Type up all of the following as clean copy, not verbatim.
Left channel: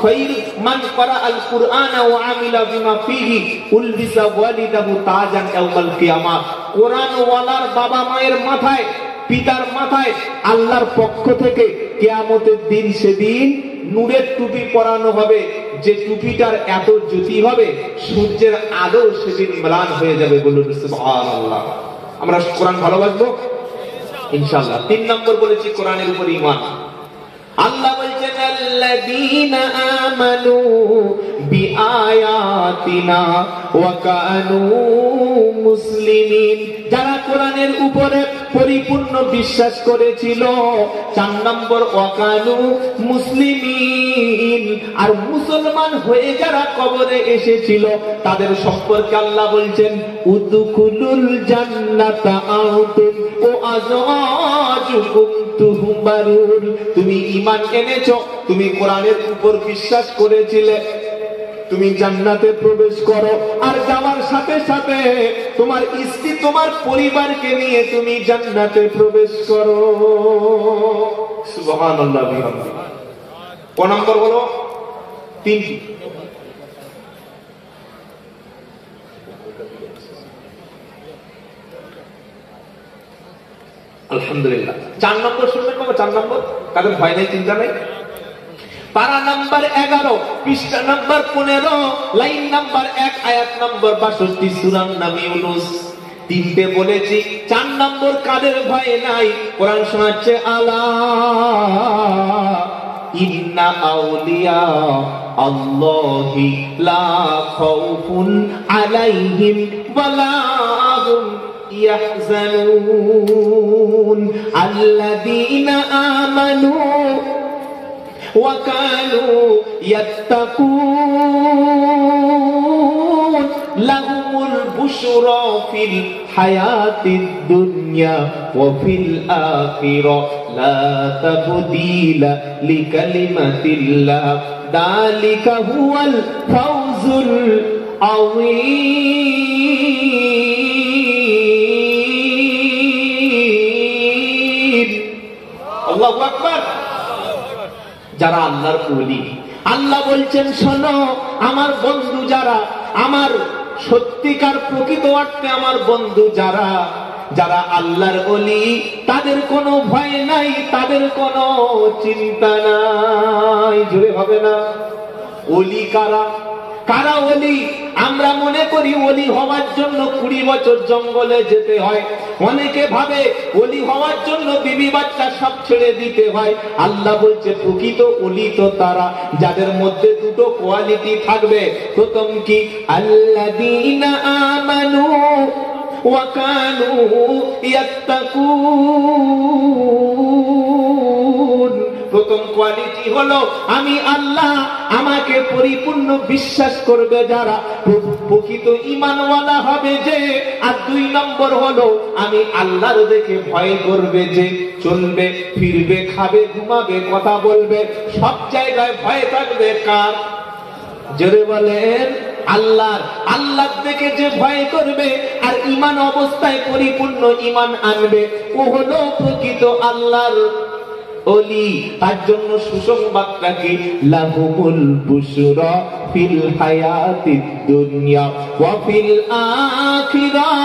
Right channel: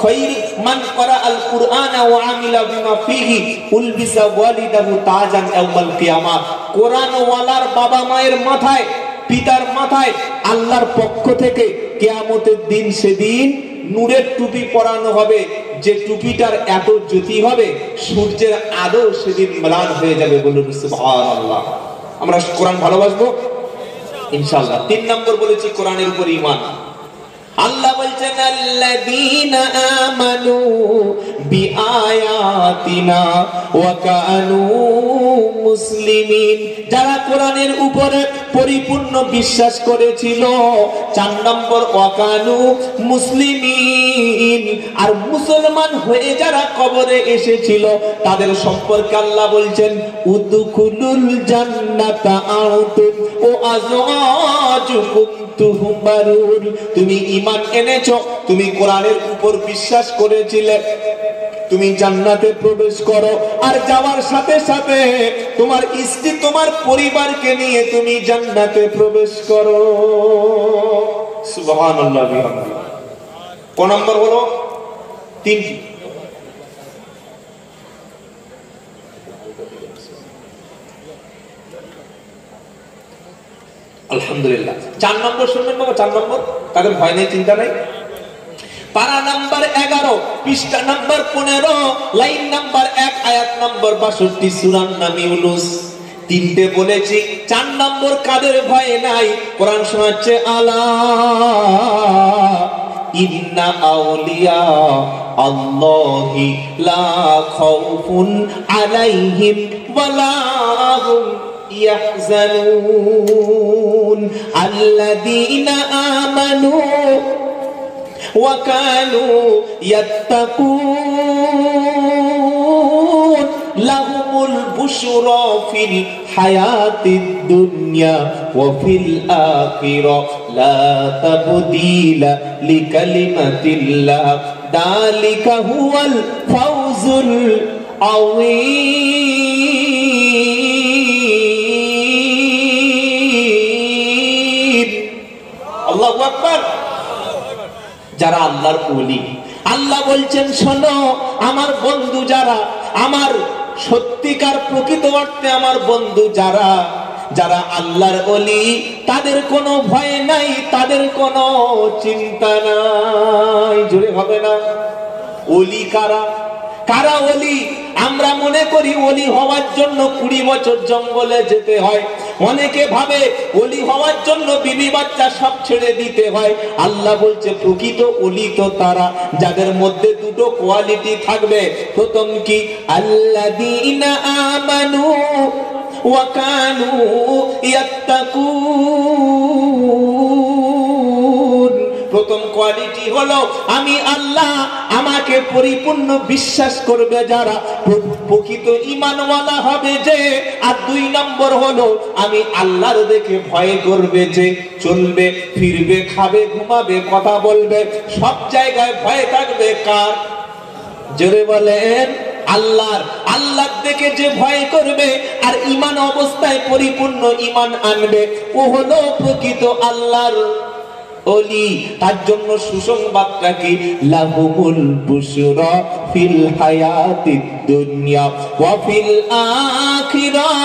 খায়র মান ক্বারা আল কুরআন ওয়া আমিলা বিমা ফিহি উলবিসা ওয়ালিদাহু তাজান ইয়াউমাল কিয়ামা। কোরআন ওয়ালার বাবা মায়ের মাথায়, পিতার মাথায় আল্লাহর পক্ষ থেকে কিয়ামতের দিন সেদিন নূরের টুপি পরানো হবে, যে টুপিটার এত জ্যোতি হবে সূর্যের আলো সেদিন ম্লান হয়ে যাবে। বলুন সুবহানাল্লাহ। আমরা কোরআন ভালোবাসবো ইনশাআল্লাহ। 3 নম্বর বলেছি কোরআনের উপর ঈমান। আল্লাহ বলছেন আল্লাযীনা আমানু বিআয়াতিনা ওয়া কানু মুসলিমিন, যারা কোরআনের উপরে পরিপূর্ণ বিশ্বাস করেছিল। 4 নম্বর ওয়া কানু মুসলিমিন, আর মুসলমান হয়ে যারা কবরে এসেছিল তাদের সম্পর্কে আল্লাহ বলছেন উদখুলুল জান্নাতা আনতুম ওয়া আযওয়াজুকুম তুহবারুন। তুমি ঈমান এনেছো, তুমি কোরআনের উপর বিশ্বাস করেছিলে, তুমি জান্নাতে প্রবেশ করো, আর যাওয়ার সাথে সাথে তোমার স্ত্রী তোমার পরিবারকে নিয়ে তুমি জান্নাতে প্রবেশ করো। সুবহানাল্লাহ বিহামদি। কোন নম্বর হলো? 3টি। আলহামদুলিল্লাহ। 4 নম্বর শুনবেন বাবা, 4 নম্বর, তাদের ভয় নেই, চিন্তা নেই। পারা নাম্বার 11, পৃষ্ঠা নাম্বার 15, লাইন নাম্বার 1, আয়াত নাম্বার 62, সূরার নাম ইউনূস। 3টে বলেছি। 4 নম্বর কাদের ভয় নাই? কোরআন শোনাচ্ছে আলা ইন্না আউলিয়া আল্লাহি লা খাউফুন আলাইহিম ওয়ালা হুম ইয়াহজানুন আল্লাযীনা আমানু ওয়া কানু ইয়াত্তাকুন লাহুমুল বুশরা ফিল হায়াতিদ দুনিয়া ওয়া ফিল আখিরাহ লা তাবদীলা লিকালিমাতিল্লাহ যালিকা হুয়াল ফাওজুল আযীম। আল্লাহু আকবার। যারা আল্লাহর ওলি, আল্লাহ বলছেন শোনো আমার বন্ধু যারা, আমার সত্যিকার প্রকৃত অর্থে আমার বন্ধু যারা, যারা আল্লাহর ওলি, তাদের কোনো ভয় নাই, তাদের কোনো চিন্তা নাই। জোরে হবে না? ওলি কারা? কারা ওলি? আমরা মনে করি ওলি হওয়ার জন্য 20 বছর জঙ্গলে যেতে হয়। অনেকে ভাবে ওলি হওয়ার জন্য বিবি বাচ্চা সব ছেড়ে দিতে হয়। আল্লাহ বলছে প্রকৃত ওলি তো তারা যাদের মধ্যে 2টো কোয়ালিটি থাকবে। প্রথম কি? আল্লাযীনা আমানু ওয়া কানু ইয়াত্তাকুন। প্রথম কোয়ালিটি হলো আমি আল্লাহ, আমাকে পরিপূর্ণ বিশ্বাস করবে যারা, প্রকৃত ঈমানওয়ালা হবে যে। আর 2 নম্বর হলো আমি আল্লাহর দেখে ভয় করবে যে, চলবে ফিরবে, খাবে ঘুমাবে, কথা বলবে, সব জায়গায় ভয় থাকবে কার? জোরে বলেন আল্লাহর। আল্লাহর দেখে যে ভয় করবে আর ঈমান অবস্থায় পরিপূর্ণ ঈমান আনবে, ও হলো প্রকৃত আল্লাহর ওলি। তার জন্য সুসংবাদটা কি? লাহুমুল বুশরা ফিল হায়াতিদ দুনিয়া ওয়া ফিল আখিরাহ।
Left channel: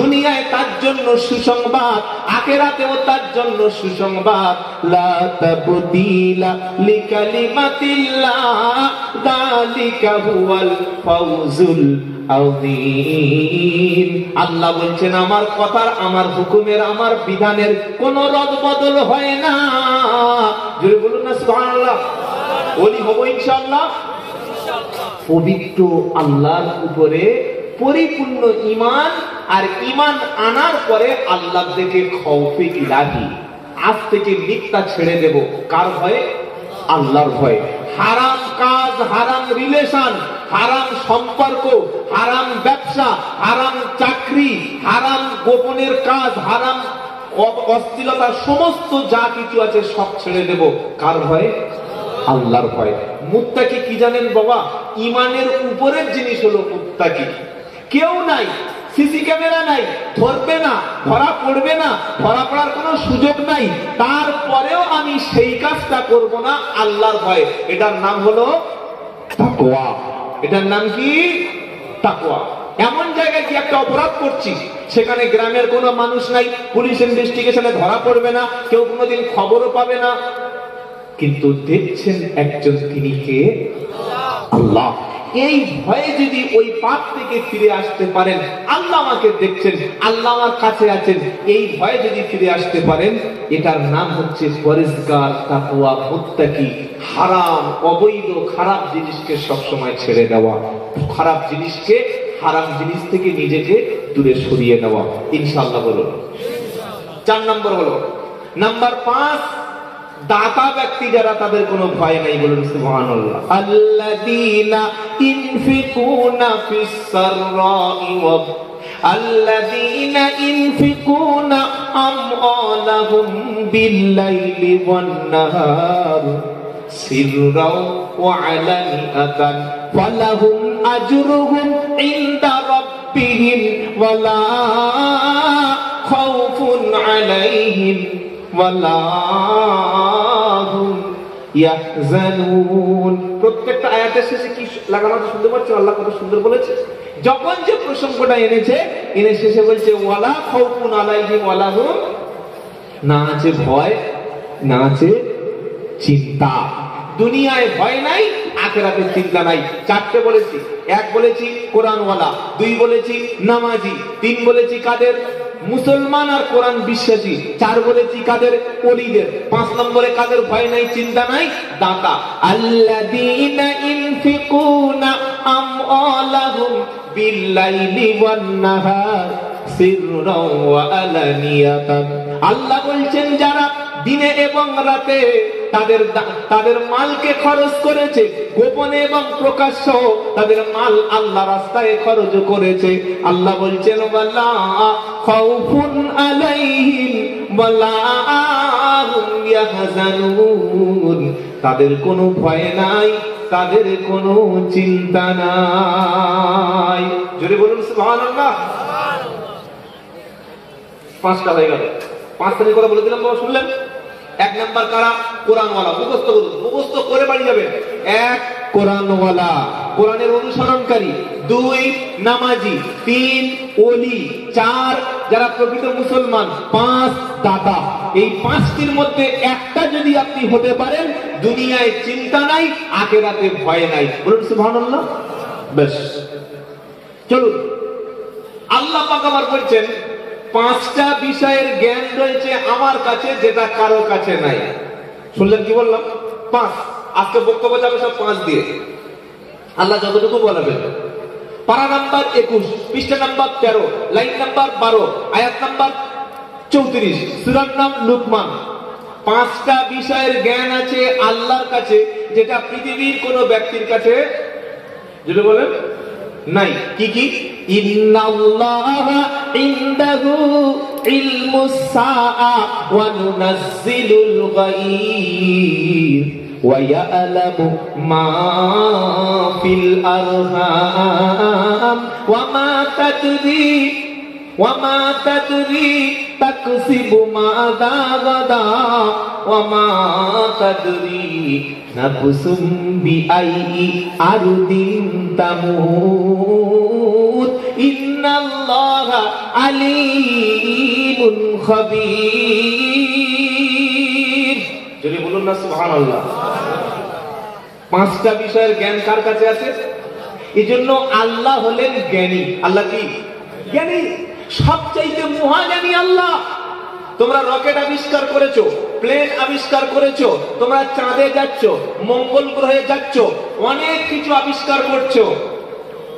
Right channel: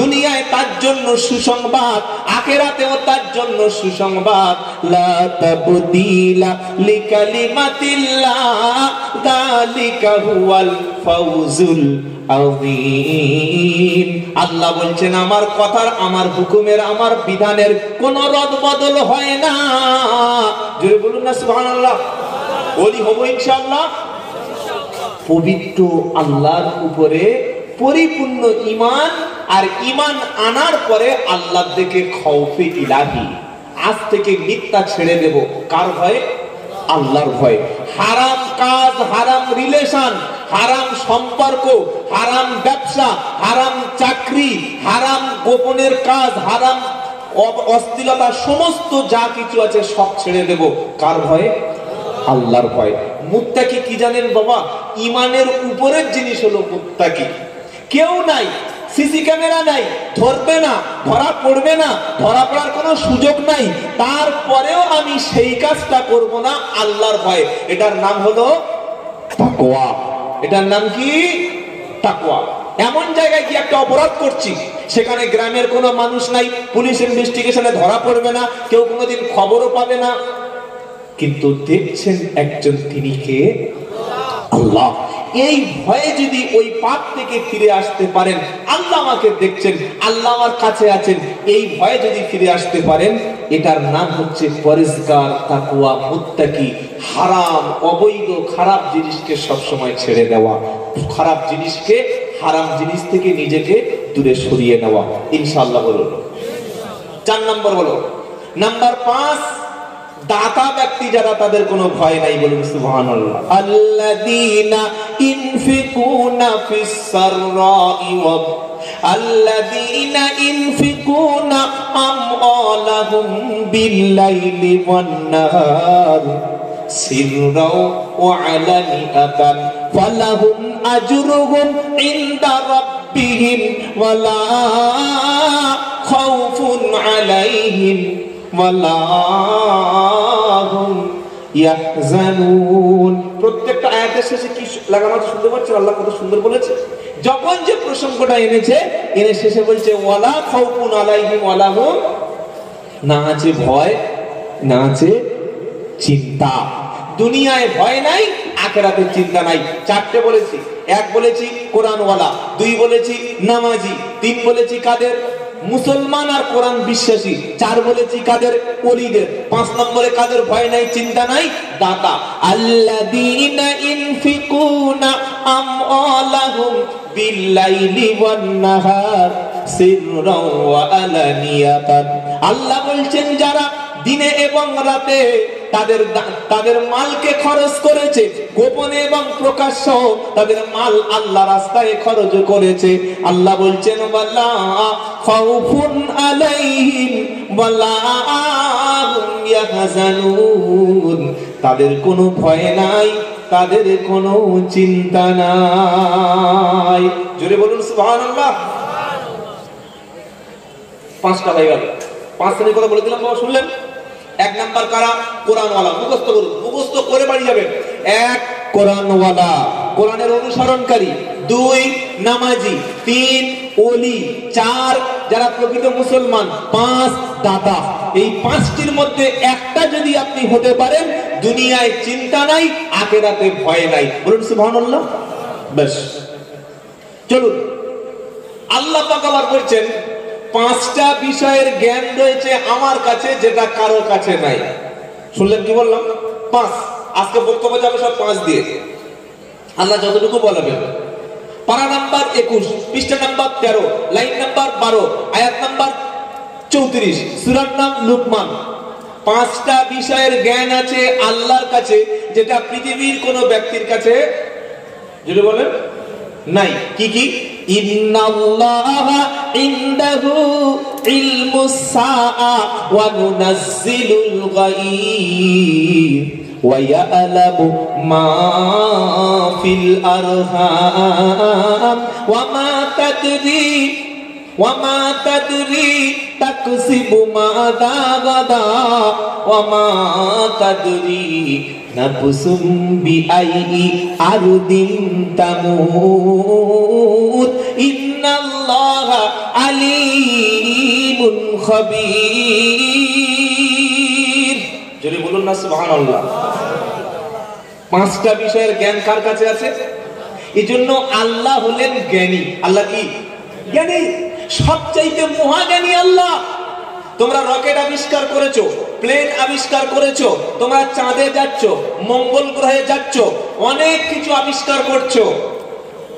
দুনিয়ায় তার জন্য সুসংবাদ, আখিরাতেও তার জন্য সুসংবাদ। লা তাবদীলা লিকালিমাতিল্লাহ যালিকা হুয়াল ফাওজুল আযীম। আল্লাহ বলছেন আমার কথার, আমার হুকুমের, আমার বিধানের কোনো রদ বদল হয় না। জোরে বলুন না সুবহানাল্লাহ। ওলি হব ইনশাআল্লাহ। পবিত্র আল্লাহর উপরে পরিপূর্ণ ঈমান, আর ঈমান আনার পরে আল্লাহর দিকে খৌফে ইলাহি। আজ থেকে মিথ্যা ছেড়ে দেব। কার ভয়ে? আল্লাহর ভয়ে। হারাম কাজ, হারাম রিলেশন, হারাম সম্পর্ক, হারাম ব্যবসা, হারাম চাকরি, হারাম গোপনের কাজ, হারাম অশ্লীলতা, সমস্ত যা কিছু আছে সব ছেড়ে দেব। কার ভয়ে? আল্লাহর ভয়ে। মুত্তাকি কি জানেন বাবা? ঈমানের উপরের জিনিস হলো মুত্তাকি। কেউ নাই সিসি ক্যামেরা নাই, ধরবে না, ধরা পড়বে না, ধরা পড়ার কোনো সুযোগ নাই, তারপরেও আমি সেই কাজটা করব না আল্লাহর ভয়ে। এটার নাম হলো তাকওয়া। এটার নাম কি? তাকওয়া। এমন জায়গায় কি একটা অপরাধ করছি, সেখানে গ্রামের কোনো মানুষ নাই, পুলিশ ইনভেস্টিগেশনে ধরা পড়বে না, কেউ কোনোদিন খবরও পাবে না, কিন্তু দেখছেন একজন, তিনি কে? আল্লাহ। এই ভয়ে যদি ওই পাপ থেকে ফিরে আসতে পারেন, আল্লাহ আমাকে দেখছেন, আল্লাহ আমার কাছে আছেন, এই ভয়ে যদি ফিরে আসতে পারেন, এটার নাম হচ্ছে পরেজগার, তাকওয়া, মুত্তাকি। হারাম, অবৈধ, খারাপ জিনিসকে সবসময় ছেড়ে দেওয়া, খারাপ জিনিসকে, হারাম জিনিস থেকে নিজেকে দূরে সরিয়ে নেওয়া। ইনশাআল্লাহ বলুন। 4 নম্বর হলো, নাম্বার 5, দাতা ব্যক্তি যারা, তাদের কোনো ভয় নাই। বলুন সুবহানাল্লাহ। আল্লাযীনা ইনফিকুনা ফিস সাররাই ওয়া আল্লাযীনা ইনফিকুনা আমওয়ালাহুম বিল-লাইলি ওয়ান-নাহার সিররাও ওয়া আলানিয়াতান ফালাহুম আজরুহুম ইনদা রাব্বিহিম ওয়া লা খাউফুন আলাইহিম ওয়ালা হুম ইয়াহজানুন। প্রত্যেকটা আয়াতের শেষে কি লাগানো আছে শুনতে পাচ্ছেন? আল্লাহ কত সুন্দর বলেছে। যখন যে প্রসঙ্গটা এনেছে, এনে শেষে বলছে ওয়ালা খাউফুন আলাইহিম ওয়ালা হুম, না আছে ভয়, না আছে চিন্তা। দুনিয়ায় ভয় নাই, আখিরাতের চিন্তা নাই। 4টে বলেছি। 1 বলেছি কোরআনওয়ালা, 2 বলেছি নামাজি, 3 বলেছি কাদের? মুসলমান আর কোরআন বিশ্বাসী। 4 বলেছি কাদের? ওলিদের। 5 নম্বরে কাদের ভয় নাই, চিন্তা নাই? দাতা। আল্লাযীনা ইনফিকুনা আমওয়ালাহুম বিল-লাইলি ওয়ান-নাহার সিররাও ওয়া আলানিয়াতান। আল্লাহ বলছেন যারা দিনে এবং রাতে তাদের মালকে খরচ করেছে, গোপনে এবং প্রকাশ্য তাদের মাল আল্লাহ রাস্তায় খরচ করেছে, আল্লাহ বলছেন ওয়ালা খাউফুন আলাইহিম ওয়ালা হুম ইয়াহজানুন। তাদের কোনো ভয় নাই, তাদের কোনো চিন্তা নাই। জোরে বলুন সুবহানাল্লাহ। 5টা হয়ে গেল। 5 শ্রেণীর কথা বলে দিলাম, বাবা শুনলেন? 1 নাম্বার কারা? কোরআনওয়ালা। মুখস্থ করুন, মুখস্থ করে বাড়ি যাবেন। 1 কোরআনওয়ালা, কোরআনের অনুসরণকারী। 2 নামাজি। 3 ওলি। 4 যারা প্রকৃত মুসলমান। 5 দাতা। এই 5টির মধ্যে একটা যদি আপনি হতে পারেন, দুনিয়ায় চিন্তা নাই, আখিরাতে ভয় নাই। বলুন সুবহানাল্লাহ। বেশ, চলুন। আল্লাহ পাক আবার বলছেন 5টা বিষয়ের জ্ঞান রয়েছে আমার কাছে, যেটা কারো কাছে নাই। শুনলেন কি বললাম? 5। আজকে বক্তব্য যাবে সব 5 দিয়ে। আল্লাহ যতটুকু বলবেন। পারা নাম্বার 21, পৃষ্ঠা নাম্বার 13, লাইন নাম্বার 12, আয়াত নাম্বার 34, সূরার নাম লুকমান। 5টা বিষয়ের জ্ঞান আছে আল্লাহর কাছে, যেটা পৃথিবীর কোনো ব্যক্তির কাছে, যদি বলেন, নাই। কি কি? ইন্নাল্লাহা ইনদাহু ইলমুস সাআ ওয়া নুনাজ্জিলুল গায়ব ওয়া ইয়ালামু মা ফিল আরহাম ওয়া মা তাদরি তাকসিবু মাযা গাদা ওয়া মা তাদরি নাফসুম বিআইয়ি আরদিন তামুত ইন্নাল্লাহা আলীমুন খাবীর। যদি বলুন না সুবহানাল্লাহ। 5টা বিষয়ের জ্ঞান কার কাছে আছে? এজন্য আল্লাহ হলেন জ্ঞানী। আল্লাহ কি? জ্ঞানী, সবচাইতে মহাজ্ঞানী আল্লাহ। তোমরা রকেট আবিষ্কার করেছো, প্লেন আবিষ্কার করেছো, তোমরা চাঁদে যাচ্ছ, মঙ্গল গ্রহে যাচ্ছ, অনেক কিছু আবিষ্কার করছো।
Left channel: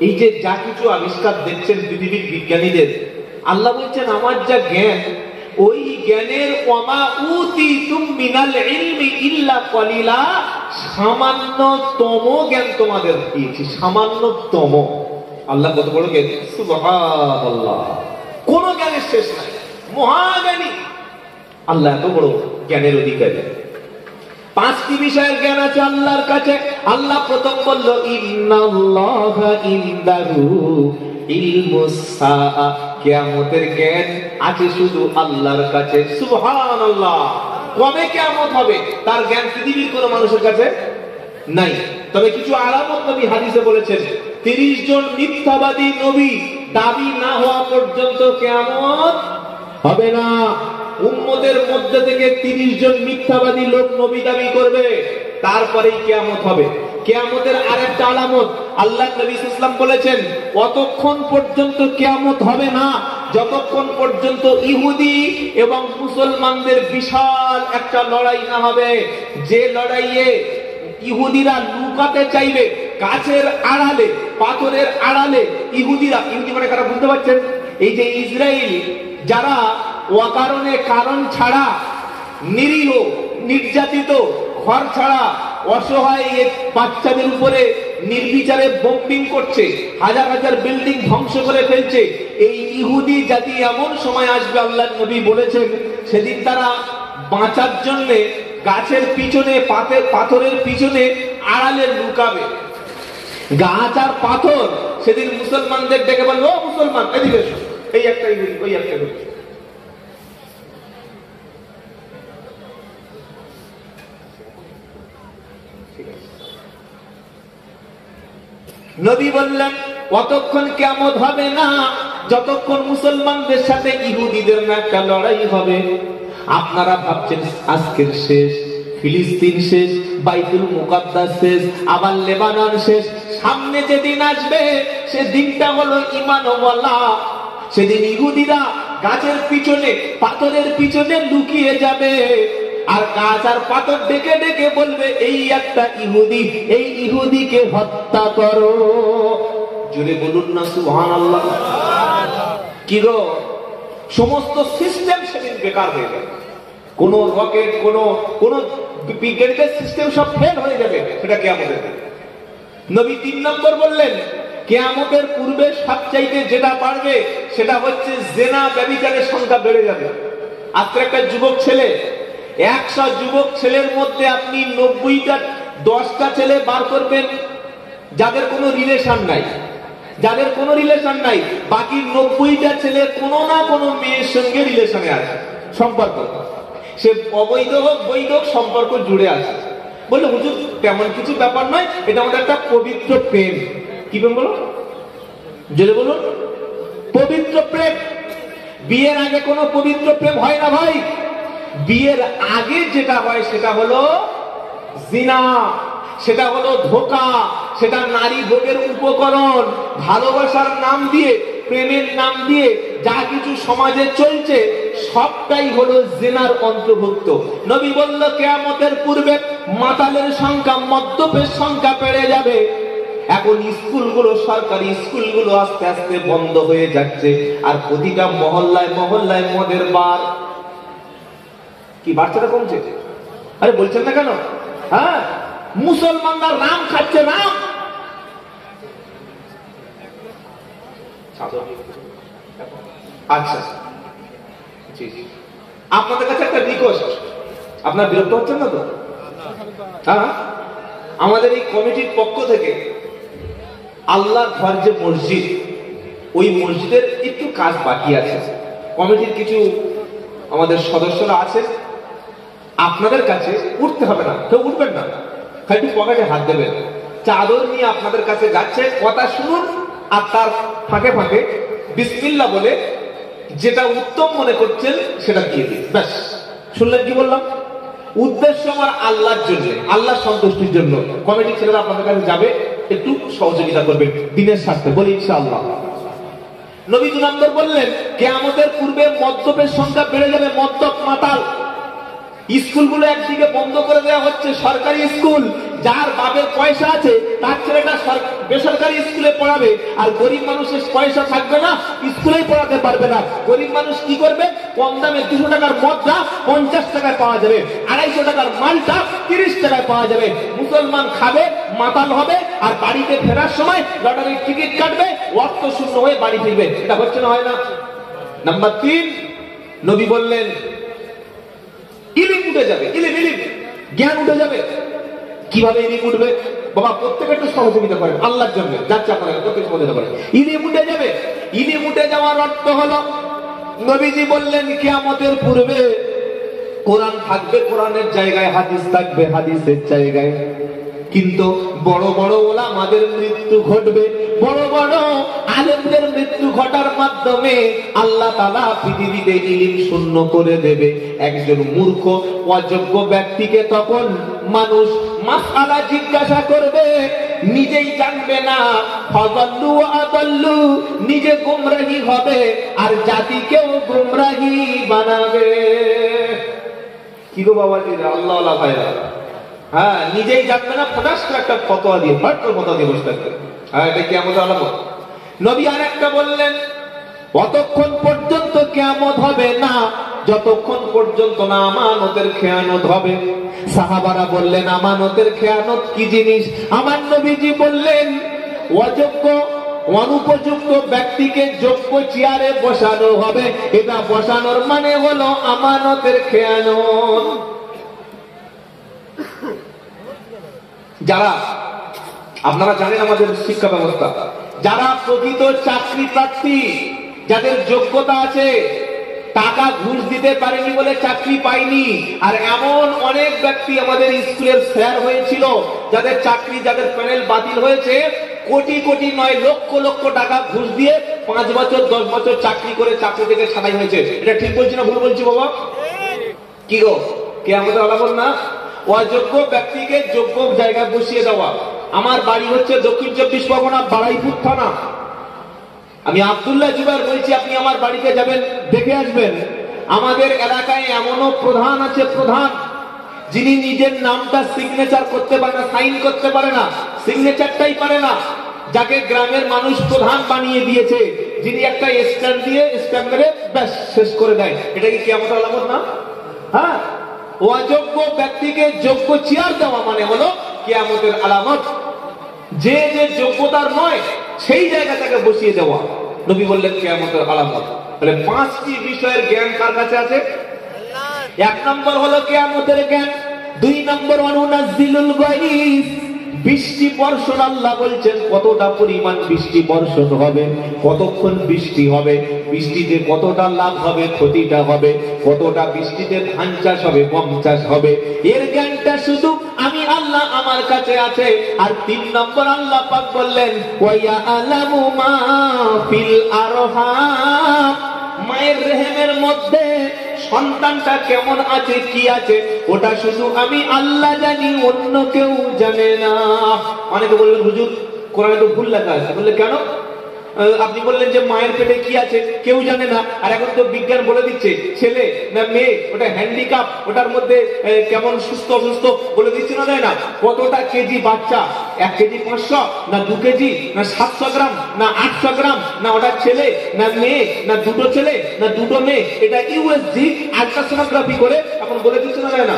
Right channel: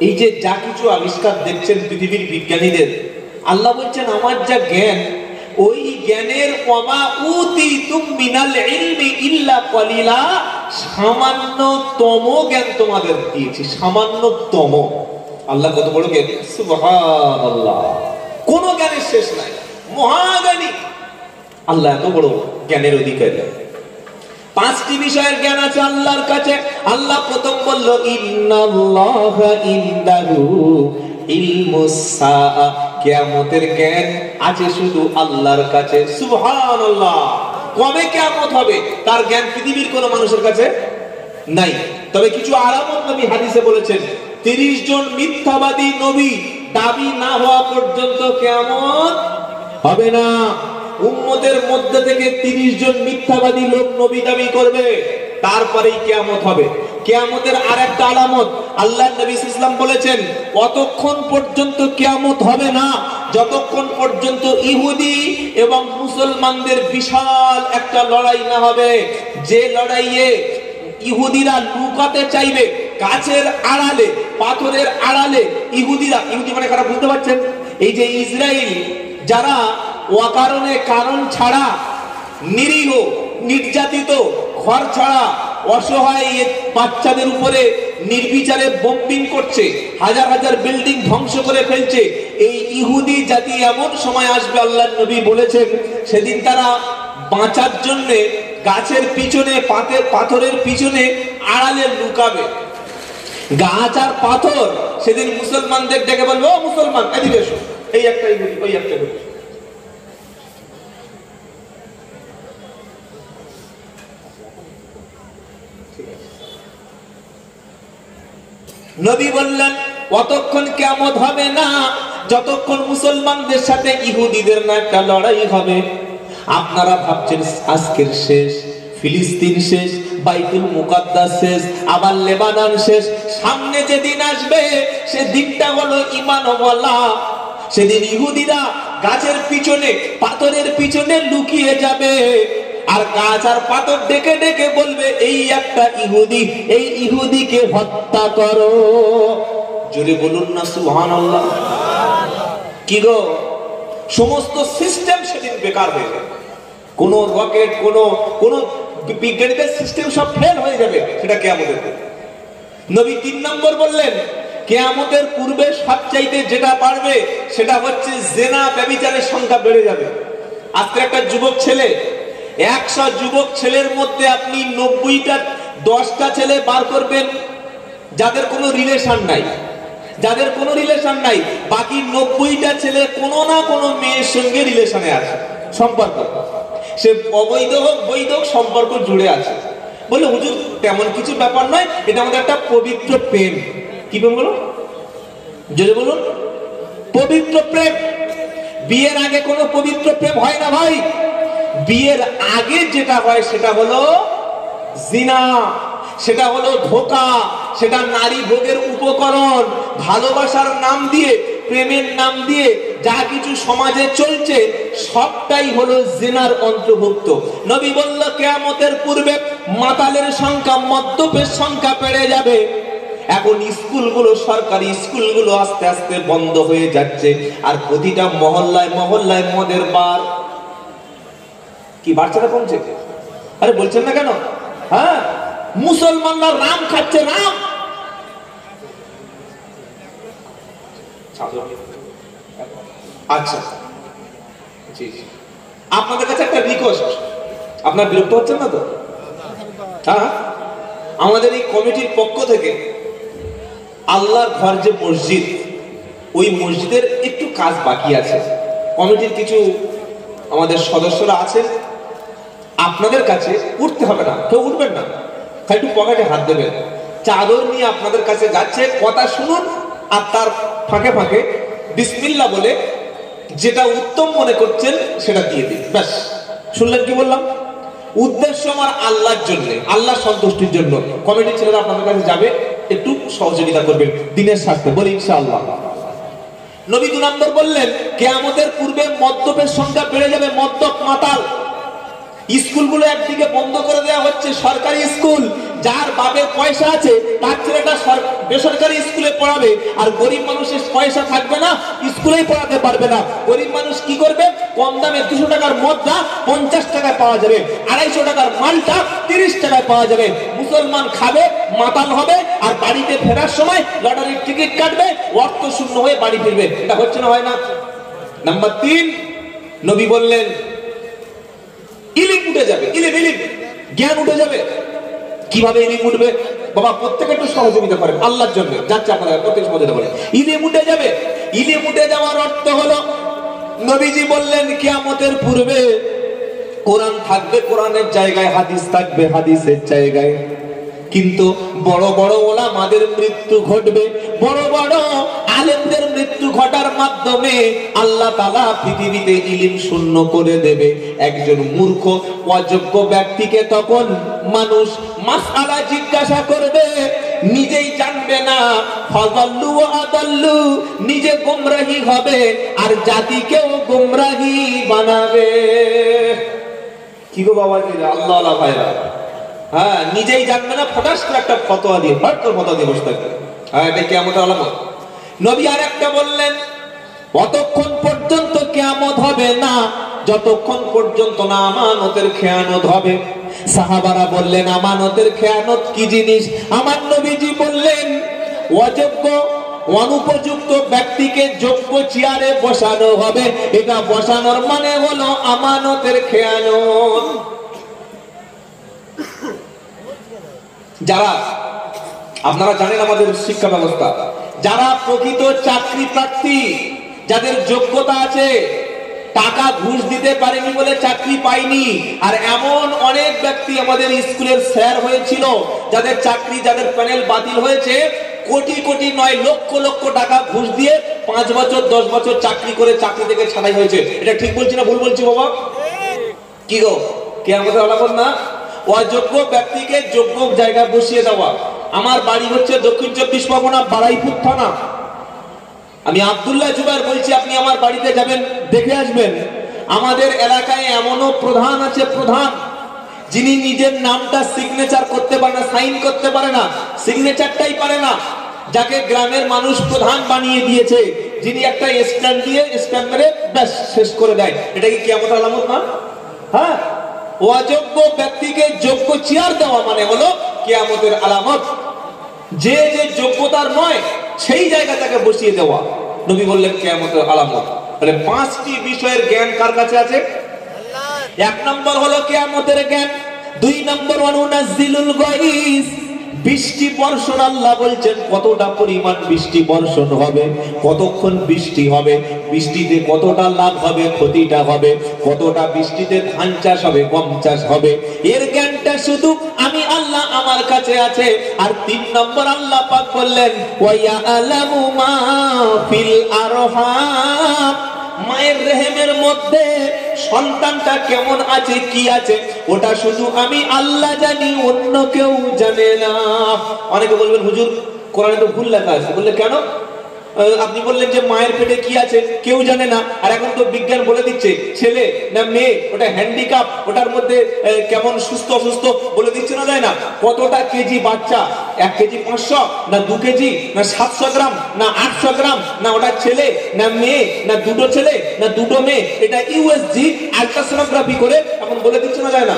এই যে যা কিছু আবিষ্কার দেখছেন পৃথিবীর বিজ্ঞানীদের, আল্লাহ বলছেন আমার যা জ্ঞান, ওই জ্ঞানের ওয়ামা উতিতুম মিনাল ইলমি ইল্লা কলিলা, সামান্যতম জ্ঞান তোমাদের দিয়েছি, সামান্যতম। আল্লাহ কত বড় জ্ঞানী, সুবহানাল্লাহ। কোন জ্ঞানের শেষ নাই, মহাজ্ঞানী আল্লাহ, এত বড় জ্ঞানের অধিকারী। 5টি বিষয়ের জ্ঞান আছে আল্লাহর কাছে। আল্লাহ প্রথম বলল ইন্নাল্লাহা ইনদাহু ইলমুস সাআ, কিয়ামতের জ্ঞান আছে শুধু আল্লাহর কাছে। সুবহানাল্লাহ। কবে কিয়ামত হবে তার জ্ঞান পৃথিবীর কোন মানুষের কাছে নাই। তবে কিছু আলামত নবী হাদিসে বলেছেন, 30 জন মিথ্যাবাদী নবী দাবি না হওয়া পর্যন্ত কিয়ামত হবে না। উম্মতের মধ্যে থেকে 30 জন মিথ্যাবাদী লোক নবী দাবি করবে, তারপরেই কিয়ামত হবে। কিয়ামতের আরেকটা আলামত আল্লাহর নবী সাল্লাল্লাহু আলাইহি ওয়াসাল্লাম বলেছেন, কতক্ষণ পর্যন্ত কিয়ামত হবে না, যতক্ষণ পর্যন্ত ইহুদি এবং মুসলমানদের বিশাল একটা লড়াই না হবে। যে লড়াইয়ে ইহুদিরা লুকাতে চাইবে গাছের আড়ালে, পাথরের আড়ালে, ইহুদিরা, ইহুদি মানে কারা বুঝতে পারছেন? এই যে ইসরায়েল, যারা অকারণে কারণ ছাড়া নিরীহ, নির্যাতিত, ঘর ছাড়া অসহায় বাচ্চাদের উপরে নির্বিচারে বোম্বিং করছে, হাজার হাজার বিল্ডিং ধ্বংস করে ফেলছে, এই ইহুদি জাতি এমন সময় আসবে, আল্লাহর নবী বলেছেন, সেদিন তারা বাঁচার জন্য গাছের পিছনে, পাথরের পিছনে আড়ালে লুকাবে। গাছ আর পাথর সেদিন মুসলমানদের ডেকে বলবে, ও মুসলমান এদিকে এসো, এই একটা ইহুদি, ওই একটা ইহুদি। নবী বললেন, অতক্ষণ কিয়ামত হবে না যতক্ষণ মুসলমানদের সাথে ইহুদিদের না একটা লড়াই হবে। আপনারা ভাবছেন আজকের শেষ, ফিলিস্তিন শেষ, বাইতুল মুকাদ্দাস শেষ, আবার লেবানন শেষ, সামনে যে দিন আসবে সে দিনটা হলো ঈমানওয়ালা। সেদিন ইহুদিরা গাছের পিছনে, পাথরের পিছনে লুকিয়ে যাবে, আর গাছ আর পাথর ডেকে ডেকে বলবে, এই একটা ইহুদি, এই ইহুদিকে হত্যা করো। জোরে বলুন না সুবহানাল্লাহ। কি গো, সমস্ত সিস্টেম সেদিন বেকার হয়ে যাবে। কোন রকেট, কোন বিজ্ঞানীদের সিস্টেম সব ফেল হয়ে যাবে, সেটা কিয়ামতের দিন। নবী 3 নম্বর বললেন, কিয়ামতের পূর্বে সবচাইতে যেটা বাড়বে সেটা হচ্ছে জিনা, ব্যভিচারের সংখ্যা বেড়ে যাবে। আজকে একটা যুবক ছেলে, 100 যুবক ছেলের মধ্যে আপনি 90টা, 10টা ছেলে বার করবেন যাদের কোনো রিলেশন নাই, যাদের কোনো রিলেশন নাই, বাকি 90টা ছেলে কোনো না কোনো মেয়ের সঙ্গে রিলেশনে আছে, সম্পর্ক, সে অবৈধ হোক বৈধ হোক সম্পর্ক জুড়ে আছে। বলে হুজুর তেমন কিছু ব্যাপার নয়, এটা আমাদের একটা পবিত্র প্রেম। কি প্রেম বলো, জোরে বলুন, পবিত্র প্রেম। বিয়ের আগে কোনো পবিত্র প্রেম হয় না ভাই। বিয়ের আগে যেটা হয় সেটা হলো জিনা, সেটা হলো ধোঁকা, সেটা নারী ভোগের উপকরণ। ভালোবাসার নাম দিয়ে, প্রেমের নাম দিয়ে যা কিছু সমাজে চলছে সবটাই হলো জিনার অন্তর্ভুক্ত। নবী বলল, কিয়ামতের পূর্বে মাতালের সংখ্যা, মদ্যপের সংখ্যা বেড়ে যাবে। এখন স্কুলগুলো, সরকারি স্কুলগুলো আস্তে আস্তে বন্ধ হয়ে যাচ্ছে, আর প্রতিটা মহল্লায় মহল্লায় মদের বার। কি বাচ্চাটা কমছে? আরে বলছেন না কেন? হ্যাঁ, মুসলমানরা রাম খাচ্ছে, রাম। আচ্ছা, আপনাদের কাছে একটা রিকোয়েস্ট, আপনার বিরক্ত হচ্ছেন না তো? হ্যাঁ, আমাদের এই কমিটির পক্ষ থেকে আল্লাহর ঘর যে মসজিদ, ওই মসজিদের একটু কাজ বাকি আছে। কমিটির কিছু আমাদের সদস্যরা আছে, আপনাদের কাছে উঠতে হবে না, কেউ উঠবেন না, খালি পকেটে হাত দেবেন। চাদর নিয়ে আপনাদের কাছে যাচ্ছে, কথা শুনুন, আর তার ফাঁকে ফাঁকে বিসমিল্লাহ বলে যেটা উত্তম মনে করছেন সেটা দিয়ে দিন। ব্যাস, শুনলেন কি বললাম? উদ্দেশ্য আমার আল্লাহর জন্য, আল্লাহ সন্তুষ্টির জন্য। কমিটির ছেলেরা আপনাদের কাছে যাবে, একটু সহযোগিতা করবেন দিনের স্বার্থে, বলি ইনশাআল্লাহ। নবী 2 নম্বর বললেন, কিয়ামতের পূর্বে মদ্যপের সংখ্যা বেড়ে যাবে, মদ্যপ, মাতাল। স্কুলগুলো একদিকে বন্ধ করে দেওয়া হচ্ছে, সরকারি স্কুল, যার বাপের পয়সা আছে তার ছেলেটা বেসরকারি স্কুলে পড়াবে, আর গরিব মানুষের পয়সা থাকবে না, স্কুলেই পড়াতে পারবে না। গরিব মানুষ কি করবে? কম দামে 200 টাকার মদটা 50 টাকায় পাওয়া যাবে, 250 টাকার মালটা 30 টাকায় পাওয়া যাবে। মুসলমান খাবে, মাতাল হবে, আর বাড়িতে ফেরার সময় লটারির টিকিট কাটবে, অর্থ শূন্য হয়ে বাড়ি ফিরবে। এটা হচ্ছে না, হয় না? নাম্বার 3, নবী বললেন, ইলিম উঠে যাবে, ইলিম, জ্ঞান উঠে যাবে। কিভাবে ইলিম উঠবে? বাবা প্রত্যেকে একটু সহযোগিতা করেন আল্লাহর জন্য, যাচ্ছে আপনারা প্রত্যেক সহযোগিতা করেন। ইলিম উঠে যাবে। ইলিম উঠে যাওয়ার অর্থ হলো নবীজি বললেন কিয়ামতের পূর্বে কোরআন থাকবে কোরআনের জায়গায়, হাদিস থাকবে হাদিসের জায়গায়। কিন্তু বড় বড় ওলামাদের মৃত্যু ঘটবে, বড় বড় আলেমদের মৃত্যু ঘটার মাধ্যমে আল্লাহ তাআলা পৃথিবীতে ইলম শূন্য করে দেবে। একজন মূর্খ অযোগ্য ব্যক্তিকে তখন মানুষ মাসআলা জিজ্ঞাসা করবে, নিজেই জানবে না, ফাযাল্লু ওয়া আদাল্লু, নিজে গোমরাহী হবে আর জাতিকেও গোমরাহী বানাবে। কি গো বাবা, আল্লাহ আল্লাহ ভাইরা, হ্যাঁ নিজেই জানবে না, ফটাস করে একটা ফতোয়া দিয়ে ফতোয়া দিয়ে বসে থাকবে। হ্যাঁ এটা কিয়ামতের আলামত। নবী আর একটা বললেন, অতক্ষণ পর্যন্ত কিয়ামত হবে না যতক্ষণ পর্যন্ত না আমানতের খেয়ানত হবে। সাহাবারা বললেন, আমানতের খেয়ানত কি জিনিস? আমার নবীজি বললেন, অযোগ্য অনুপযুক্ত ব্যক্তিকে যোগ্য চেয়ারে বসানো হবে। এটা বসানোর মানে হলো আমানতের খেয়ানত। যারা, আপনারা জানেন আমাদের শিক্ষা ব্যবস্থা, যারা প্রকৃত চাকরি প্রার্থী, যাদের যোগ্যতা আছে, টাকা ঘুষ দিতে পারেনি বলে চাকরি পায়নি। আর এমন অনেক ব্যক্তি আমাদের স্কুলের স্যার হয়েছিল, যাদের চাকরি, যাদের প্যানেল বাতিল হয়েছে, কোটি কোটি নয় লক্ষ লক্ষ টাকা ঘুষ দিয়ে 5 বছর 10 বছর চাকরি করে চাকরি থেকে ছাঁটাই হয়েছে। এটা ঠিক বলছি না ভুল বলছি বাবা? কি গো, কিয়ামতের আলামত না? অযোগ্য ব্যক্তিকে যোগ্য জায়গা বসিয়ে দেওয়া। আমার বাড়ি হচ্ছে দক্ষিণ 24 পরগনা, বারাইপুর থানা। আমি আব্দুল্লাহ জুবাইর বলছি, আপনি আমার বাড়িতে যাবেন, দেখে আসবেন। আমাদের এলাকায় এমনও প্রধান আছে, প্রধান যিনি নিজের নামটা সিগনেচার করতে পারে না, সাইন করতে পারে না, সিগনেচারটাই পারে না, যাকে গ্রামের মানুষ প্রধান বানিয়ে দিয়েছে, যিনি একটা স্ট্যাম্প দিয়ে স্ট্যাম্প মেরে ব্যাস শেষ করে দেয়। এটা কি কিয়ামতের আলামত না? হ্যাঁ, অযোগ্য ব্যক্তিকে যোগ্য চেয়ার দেওয়া মানে হলো কিয়ামতের আলামত। যে যে যোগ্যতার নয় সেই জায়গা তাকে বসিয়ে দেওয়া। নবী বললেন কিয়ামতের আলামত। তাহলে 5টি বিষয়ের জ্ঞান কার কাছে আছে? আল্লাহর। 1 নম্বর হলো কিয়ামতের জ্ঞান। 2 নম্বর অনুনাজ্জিলুল গায়স, বৃষ্টি বর্ষণ। আল্লাহ বলছেন কতটা পরিমাণ বৃষ্টি বর্ষণ হবে, কতক্ষণ বৃষ্টি হবে, বৃষ্টিতে কতটা লাভ হবে, ক্ষতিটা হবে, কতটা বৃষ্টিতে ধান চাষ হবে, গম চাষ হবে, এর জ্ঞানটা শুধু আমি আল্লাহ আমার কাছে আছে। আর 3 নম্বর আল্লাহ পাক বললেন, ওয়া ইয়ালামু মা ফিল আরহাম, মায়ের রেহেমের মধ্যে সন্তানটা কেমন আছে, কি আছে, ওটা শুধু আমি আল্লাহ জানি, অন্য কেউ জানে না। অনেকে বলবেন, হুজুর কোরআনে তো ভুল লেখা আছে। বললে কেন? আপনি বললেন যে মায়ের পেটে কি আছে কেউ জানে না, আর এখন তো বিজ্ঞান বলে দিচ্ছে ছেলে না মেয়ে, ওটা হ্যান্ডিক্যাপ, ওটার মধ্যে কেমন সুস্থ অসুস্থ বলে দিচ্ছে না, যায় না। কতটা কেজি বাচ্চা, 1 কেজি 500 না 2 কেজি না 700 গ্রাম না 800 গ্রাম, না ওটা ছেলে না মেয়ে, না দুটো ছেলে না দুটো মেয়ে, এটা ইউএসজি আল্ট্রাসোনোগ্রাফি করে এখন বলে দিচ্ছে না, যায় না?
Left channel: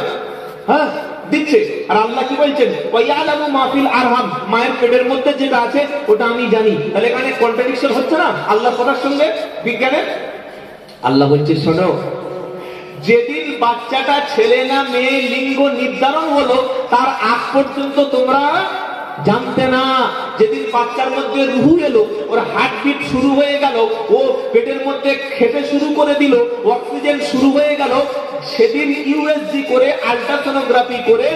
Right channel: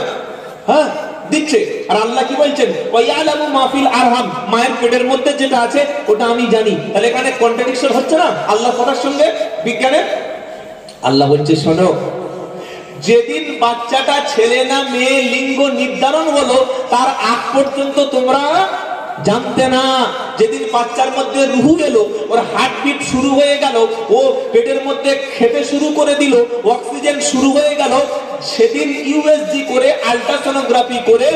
হ্যাঁ দিচ্ছে। আর আল্লাহ কি বলছেন, ওয়ায়ালামু মা ফিল আরহাম, মায়ের পেটের মধ্যে যেটা আছে ওটা আমি জানি। তাহলে এখানে কন্ট্রাডিকশন হচ্ছে না আল্লাহর কথার সঙ্গে বিজ্ঞানের? আল্লাহ বলছে, শোনো, যেদিন বাচ্চাটা ছেলে না মেয়ে লিঙ্গ নির্ধারণ হলো তার আগ পর্যন্ত তোমরা জানতে না। যেদিন বাচ্চার মধ্যে রুহু এলো, ওর হার্টবিট শুরু হয়ে গেল, ও পেটের মধ্যে খেতে শুরু করে দিল, অক্সিজেন শুরু হয়ে গেল, সেদিন ইউএসজি করে আল্ট্রাসোনোগ্রাফি করে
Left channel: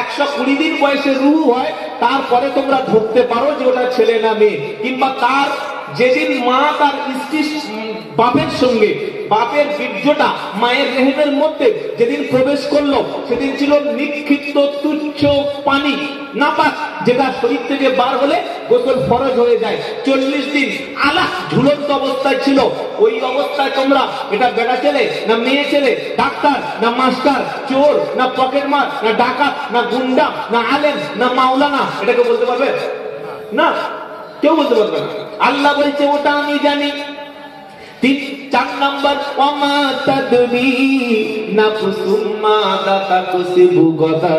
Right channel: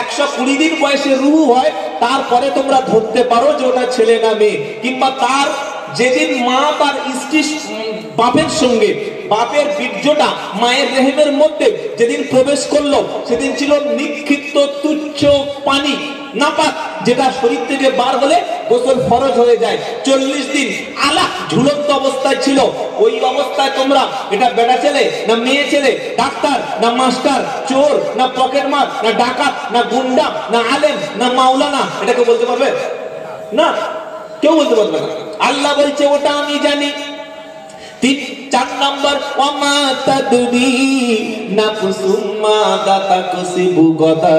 120 দিন বয়সে রুহু হয়, তারপরে তোমরা ধরতে পারো যে ওটা ছেলে না মেয়ে। কিংবা তার যেদিন মা তার স্ত্রী বাপের সঙ্গে, বাপের বীর্যটা মায়ের রেহেমের মধ্যে যেদিন প্রবেশ করলো, সেদিন ছিল নিক্ষিপ্ত তুচ্ছ পানি, নাপাক, যেটা শরীর থেকে বার হলে গোসল ফরজ হয়ে যায়। 40 দিন আলাহ ঝুলন্ত অবস্থায় ছিল। ওই অবস্থায় তোমরা এটা বেটা ছেলে না মেয়ে ছেলে, ডাক্তার না মাস্টার, চোর না পকেটমার, না ডাকাত না গুন্ডা, না আলেম না মাওলানা, এটাকে বলতে পারবে না, কেউ বলতে পারবে না। আল্লাহ বলছে ওটা আমি জানি। 4 নম্বর, ওয়ামা তাদরি নাফসুম মাযা তাকসিবু গাদা,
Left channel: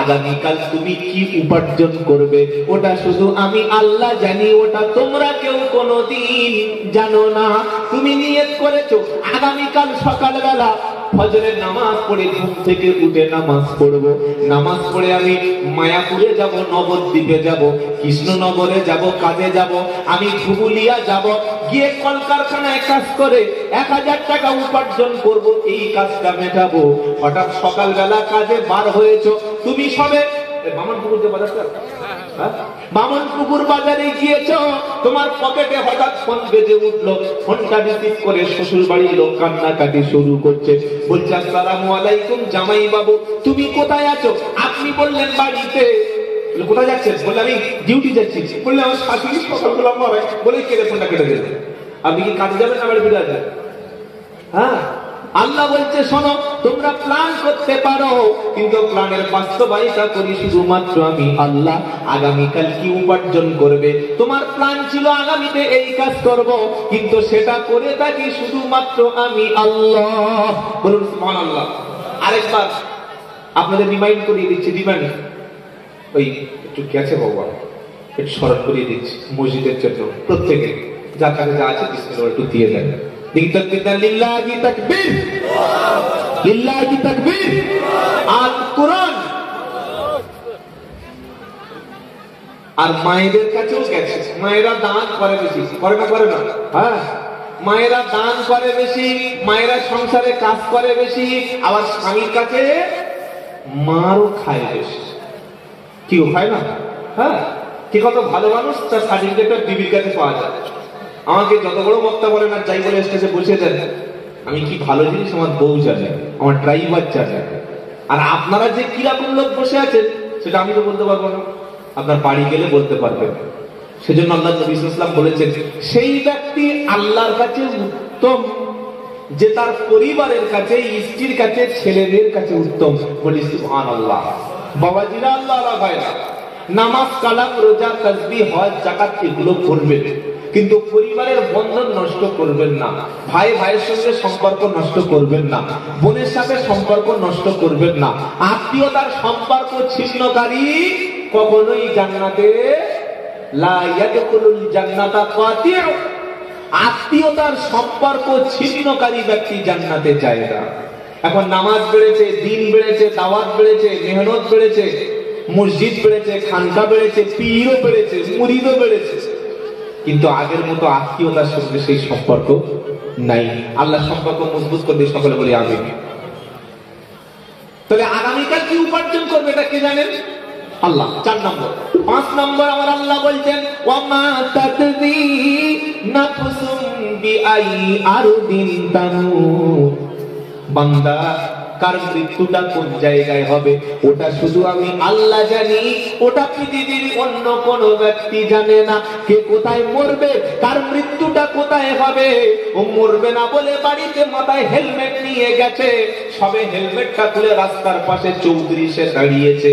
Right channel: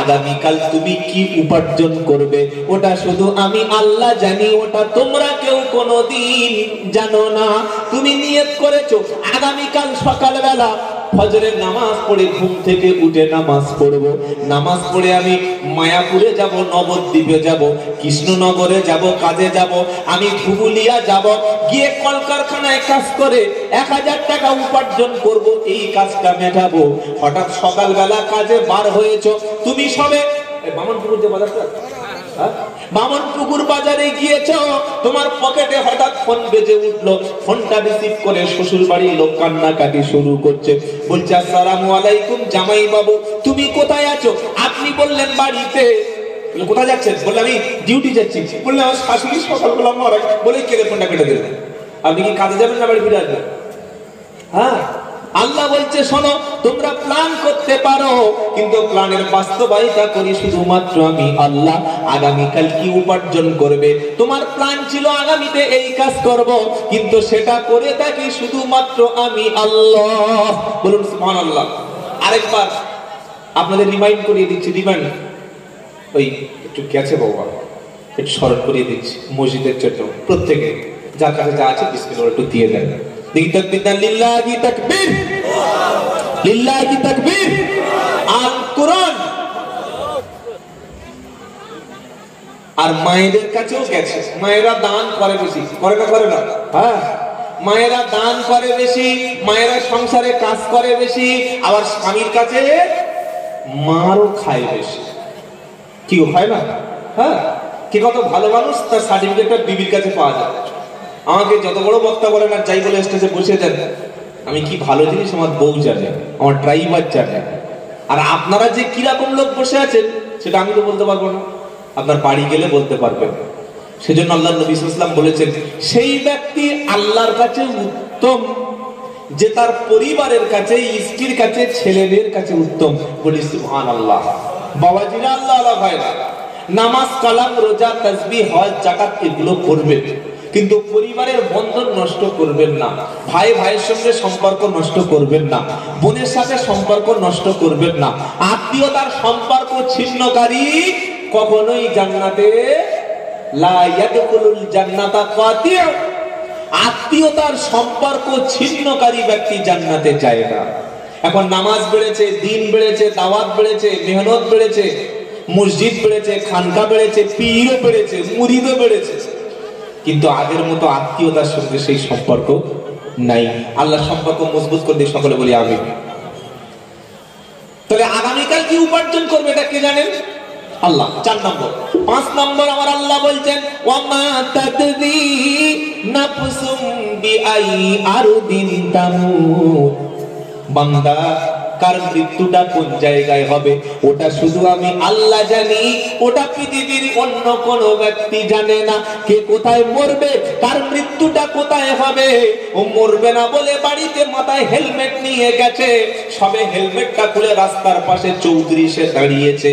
আগামীকাল তুমি কি উপার্জন করবে ওটা শুধু আমি আল্লাহ জানি, ওটা তোমরা কেউ কোনোদিন জানো না। তুমি নিয়ত করেছো আগামীকাল সকালবেলা ফজরের নামাজ পড়ে ঘুম থেকে উঠে নামাজ পড়ব, নামাজ পড়ে আমি মায়াপুরে যাব, নবদ্বীপে যাব, কৃষ্ণনগরে যাব, কাজে যাব, আমি ধুবুলিয়া যাব, গিয়ে কলকারখানায় কাজ করে 1000 টাকা উপার্জন করব, এই কাজটা মেটাবো। হঠাৎ সকালবেলা কাজে বার হয়েছো, তুমি সবে বামনপুকুর যে বাজারটা, বামনপুকুর বাজারে গিয়েছো, তোমার পকেটে হঠাৎ ফোন বেজে উঠলো, ফোনটা রিসিভ করে শ্বশুর বাড়ির লোক কান্নাকাটি শুরু করছে, বলছে আসসালামু আলাইকুম জামাই বাবু, তুমি কোথায় আছো? আপনি বললেন বাড়িতে। কোথায় যাচ্ছেন? বললাম আমি ডিউটি যাচ্ছি। বললে আমার শাশুড়ি সকালবেলা মরাই, বলে কেটে ফোনটা কেটে দিলেন। আপনি কি কাজে যাবেন না বাড়ি ফিরে আসবেন? হ্যাঁ, আল্লাহ বলছে শোনো, তোমরা প্ল্যান করতে পারো, কিন্তু প্ল্যানের বাস্তবায়িতা করি শুধুমাত্র আমি আল্লাহ। আগামীকাল কি উপার্জন করবে? তোমার প্ল্যান ছিল আগামীতে এই কাজ করব, কিন্তু সেটা করে থাকি শুধুমাত্র আমি আল্লাহ। বলুন সুবহানাল্লাহ। আরেকবার আপনাদের রিমাইন্ড করিয়ে দিচ্ছি, রিমাইন্ড ওই একটু গেছে বাবা, একটু স্মরণ করিয়ে দিচ্ছি মসজিদের জন্য প্রত্যেকে যার কাছে যা আছে বিসমিল্লাহ একটু দিয়ে দেন। লিল্লাহি তাকবীর, লিল্লাহি তাকবীর। আল কোরআন। আর মায়েদের কাছেও গেছে, মায়েরা দান করে বেশি, করে না? করে না? হ্যাঁ, মায়েরা দান করে বেশি, মায়েরা সংসারে কাজ করে বেশি, আবার স্বামীর কাছে মারও খায় বেশি। কি খায় না? হ্যাঁ, কি কত ভালো মানুষ, তার সার্টিফিকেটটা বিবির কাছে পাওয়া যায়। আমাকে যত বড় বক্তা বলেন আর যাই বলে স্টেজে বসে দেন, আমি কি ভালো জিনিস আমার বউ জানে, আমার ড্রাইভার জানে। আর আপনারা যে কিরকম লোক বসে আছেন সেটা আমি তো বলতে পারবো না, আপনার বাড়ি গেলে বলতে পারবেন। সেজন্য আল্লাহ নবী সাল্লাল্লাহু আলাইহি ওয়াসাল্লাম বলেছেন, সেই ব্যক্তি আল্লাহর কাছে উত্তম যে তার পরিবারের কাছে, স্ত্রীর কাছে, ছেলেদের কাছে উত্তম। বলি সুবহানাল্লাহ। বাবাজিরা, আল্লাহ আল্লাহ ভাইরা, নামাজ, কালাম, রোজা, তাসবিহ, হজ, যাকাত এগুলো করবেন, কিন্তু পরিবারের বন্ধন নষ্ট করবেন না। ভাই ভাইয়ের সঙ্গে সম্পর্ক নষ্ট করবেন না, বোনের সাথে সম্পর্ক নষ্ট করবেন না। আত্মীয়তার সম্পর্ক ছিন্নকারী কখনোই জান্নাতে লা ইয়াদখুলুল জান্নাতা কাতিউ। আত্মীয়তার সম্পর্ক ছিন্নকারী ব্যক্তি জান্নাতে যায় না। এখন নামাজ বেড়েছে, দিন বেড়েছে, দাওয়াত বেড়েছে, মেহনত বেড়েছে, মসজিদ বেড়েছে, খানকা বেড়েছে, পীরও বেড়েছে, মুরিদও বেড়েছে, কিন্তু আগের মতো আত্মীয়তার সঙ্গে সেই সম্পর্ক নাই। আল্লাহ সম্পর্ক মজবুত করে দিয়ে সকলে বলি আমিন। তাহলে আগামীকাল কি উপার্জন করবে এটা কে জানেন? আল্লাহ। 4 নম্বর। 5 নম্বর আমার আল্লাহ বলছেন, ওয়ামা তাদরি নাফসুম বিআই আরদিন তামুত। বান্দা, কার মৃত্যুটা কোন জায়গায় হবে ওটা শুধু আমি আল্লাহ জানি, ওটা পৃথিবীর অন্য কোন ব্যক্তি জানে না। কে কোথায় মরবে, কার মৃত্যুটা কোথায় হবে, ও মরবে না বলে বাড়িতে মাথায় হেলমেট নিয়ে গেছে, সবে হেলমেটটা খুলে রাস্তার পাশে চৌত্রিশে দাঁড়িয়েছে,